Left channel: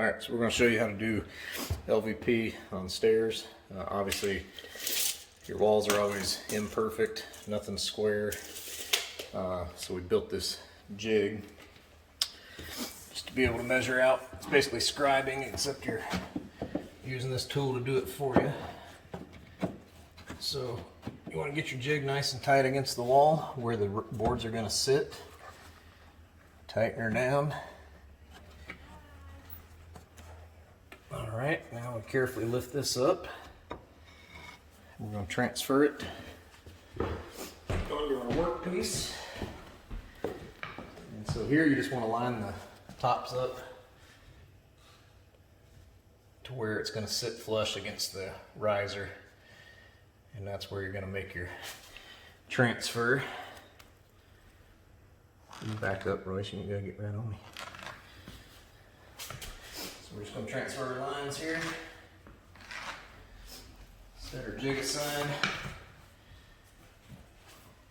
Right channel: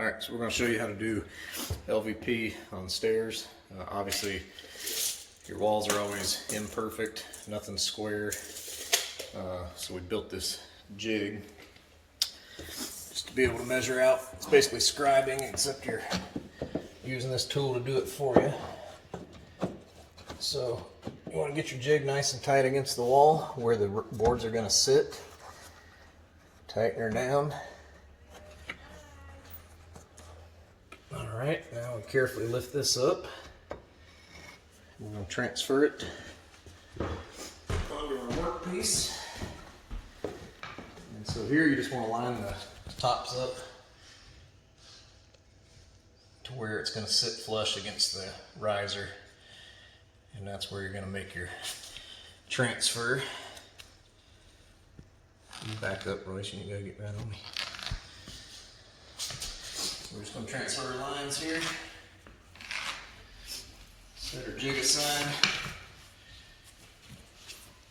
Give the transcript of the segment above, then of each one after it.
Alright, so we're going to show you how to do LVP on stairs. Obviously, your walls are always imperfect, nothing square. So we built this jig just to be able to measure out. It's basically scribing, except you're using this tool to do it for you. So you want to get your jig nice and tight against the wall where the boards are going to sit. Tighten her down. Alright, now we carefully lift this up. We're going to transfer it onto our workpiece. And so here you just want to line the tops up to where it's going to sit flush against the riser. And that's where you're going to make your transfer. You back up, Royce, you gotta get right on me. We're just going to transfer our lines here. Set our jig aside.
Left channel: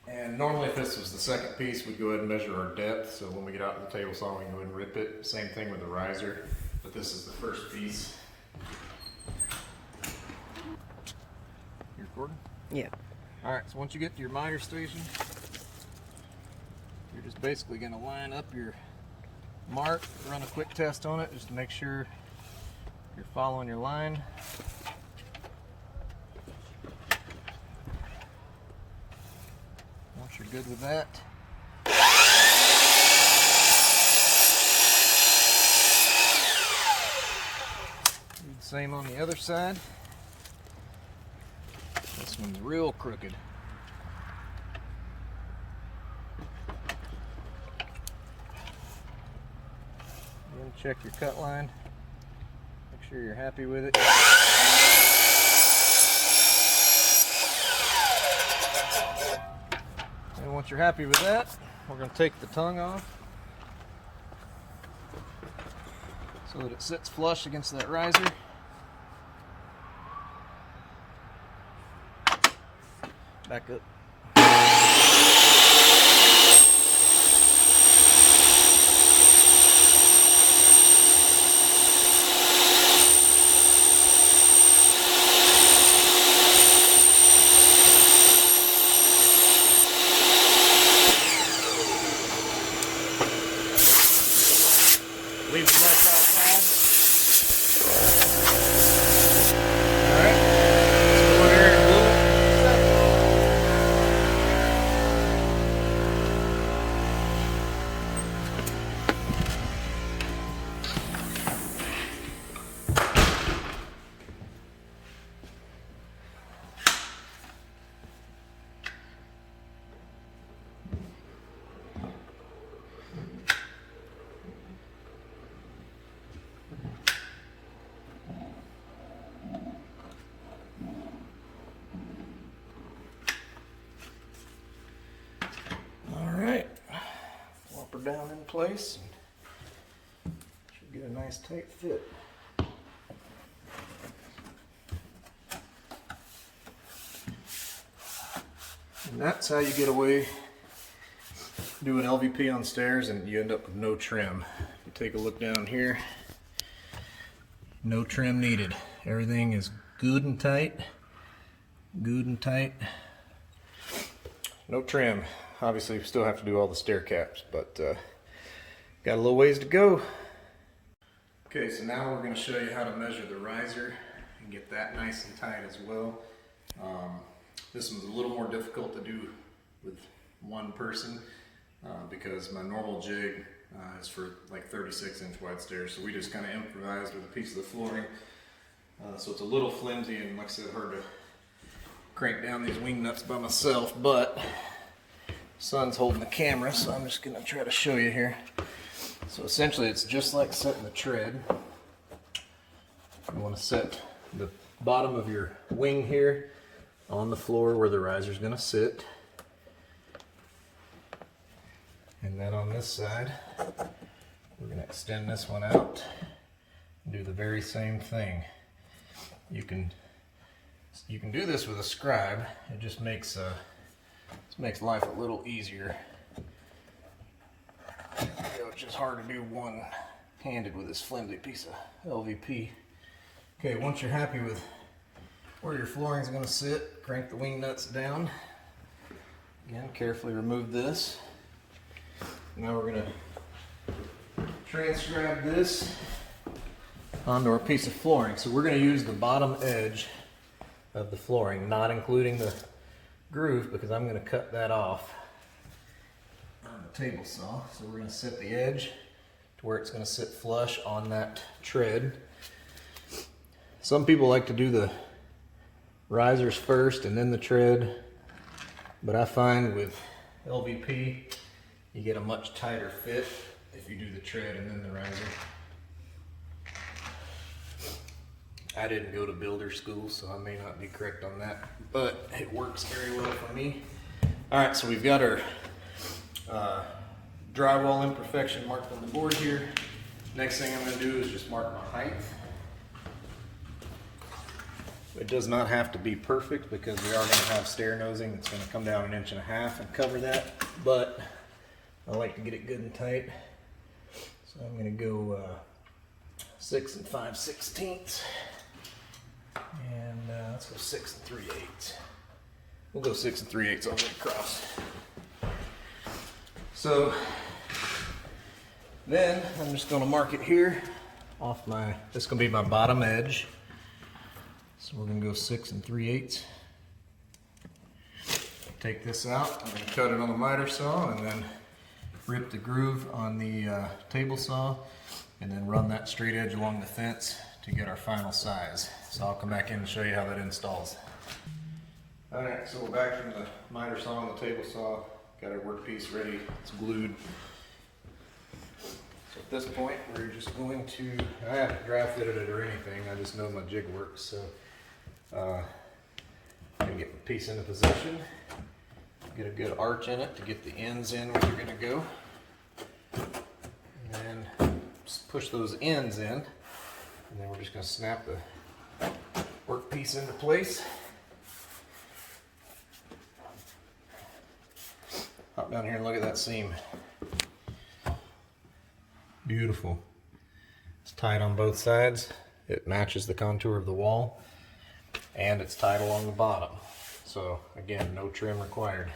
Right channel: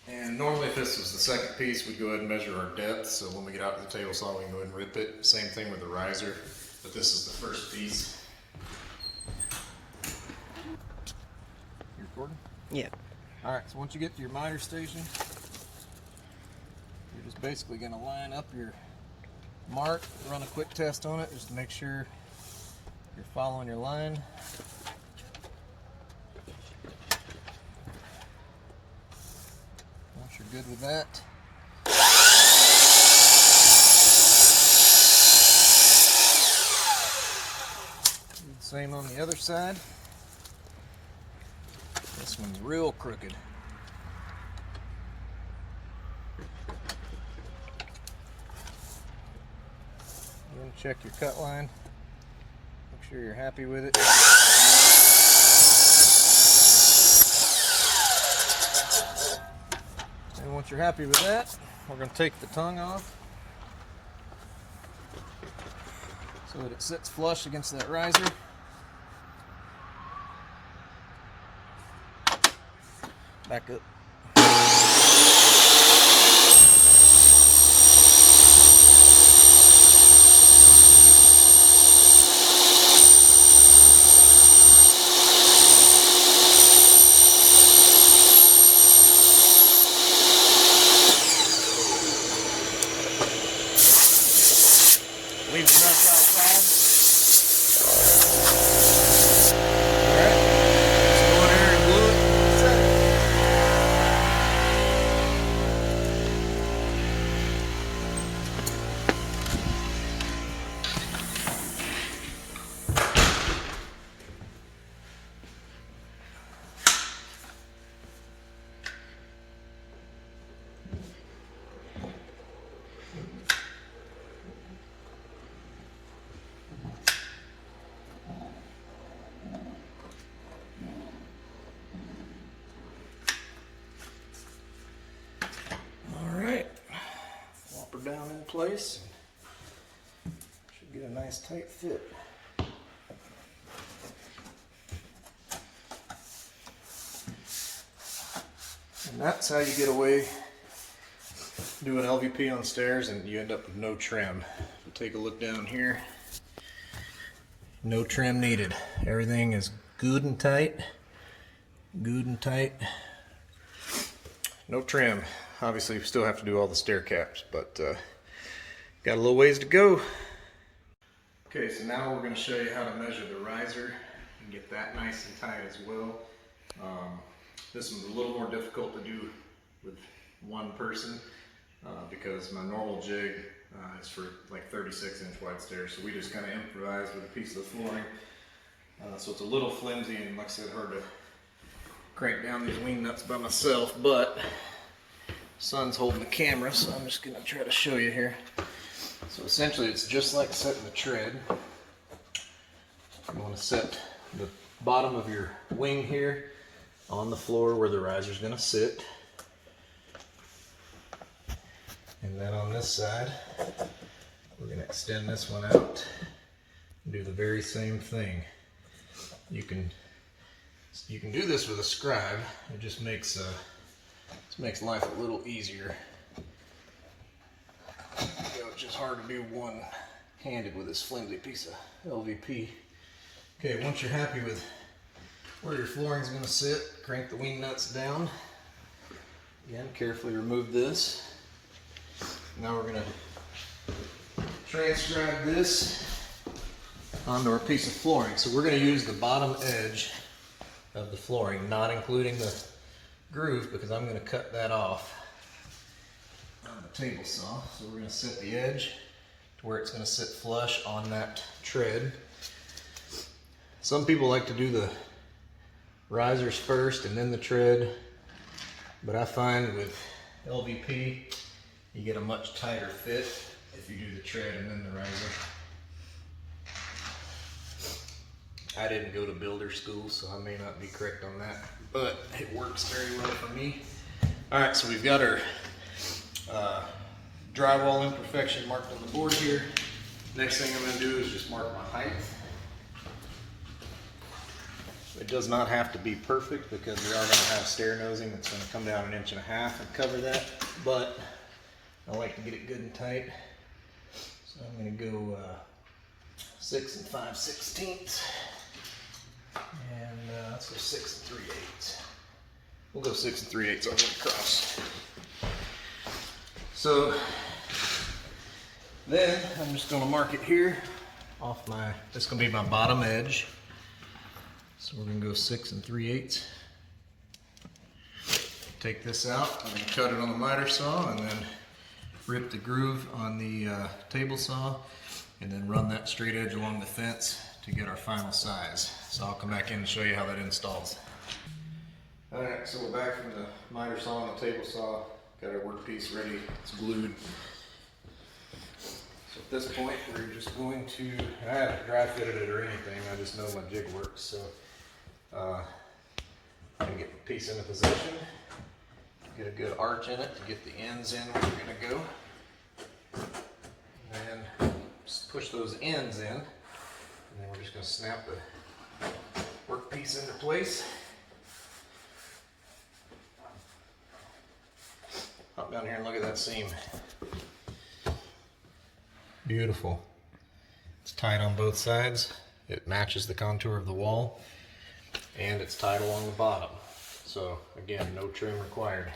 And normally if this was the second piece, we'd go ahead and measure our depth. So when we get out to the table saw, we can go ahead and rip it. Same thing with the riser, but this is the first piece. You recording? Yeah. Alright, so once you get to your miter station, you're just basically going to line up your mark, run a quick test on it just to make sure you're following your line. Once you're good with that, do the same on the other side. This one's real crooked. You're going to check your cut line, make sure you're happy with it. And once you're happy with that, we're going to take the tongue off so that it sits flush against that riser. Back up. Leave the knife outside. Alright, let's go in there and glue it. Set it. Down in place. Should get a nice tight fit. And that's how you get away doing LVP on stairs and you end up with no trim. You take a look down here. No trim needed. Everything is good and tight. Good and tight. No trim. Obviously, we still have to do all the stair caps, but got a little ways to go. Okay, so now we're going to show you how to measure the riser and get that nice and tight as well. This one's a little more difficult to do with one person because my normal jig is for like 36-inch wide stairs, so we just kind of improvised with a piece of the flooring. So it's a little flimsy and, like I said, hard to crank down these wing nuts by myself, but Son's holding the camera, so I'm just going to try to show you here. So essentially it's just like setting the tread. You want to set the bottom of your wing here on the floor where the riser is going to sit. And then on this side, we're going to extend this one out and do the very same thing. You can do this with a scribe. It just makes life a little easier. It's just hard to do one handed with this flimsy piece of LVP. Okay, once you're happy with where your flooring is going to sit, crank the wing nuts down. Again, carefully remove this. Now we're going to transcribe this onto our piece of flooring. So we're going to use the bottom edge of the flooring, not including the groove, because I'm going to cut that off on the table saw. So we're going to set the edge to where it's going to sit flush on that tread. Some people like to do the risers first and then the tread, but I find with LVP you get a much tighter fit if you do the tread and then the riser. I didn't go to builder school, so I may not be correct on that, but it works very well for me. Alright, so we've got our drywall imperfection marked on the board here. Next thing I'm going to do is just mark my height. It does not have to be perfect because we are going to have stair nosing that's going to come down 1.5 inches and cover that, but I like to get it good and tight. So I'm going to go 6 5/16, and let's go 6 3/8. We'll go 6 3/8 all the way across. So then I'm just going to mark it here off my, this is going to be my bottom edge. So we're going to go 6 3/8. Take this out, I'm going to cut it on the miter saw and then rip the groove on the table saw and then run that straight edge along the fence to get our final size. So I'll come back in and show you how that installs. Alright, so we're back from the miter saw and the table saw. Got our workpiece ready, it's glued. So at this point we're just going to, I haven't dry fitted it or anything, I just know my jig works. So I'm going to get the piece into position, get a good arch in it to get the ends in where you're going to go, and then just push those ends in, and then we're just going to snap the workpiece into place. Hop down here and look at that seam. Beautiful. It's tight on both sides. It matches the contour of the wall, and it's tight along the bottom. So again, no trim required.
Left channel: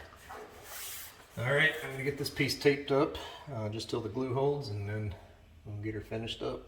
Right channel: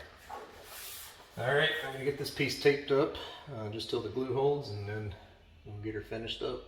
Alright, I'm going to get this piece taped up just till the glue holds, and then we'll get her finished up.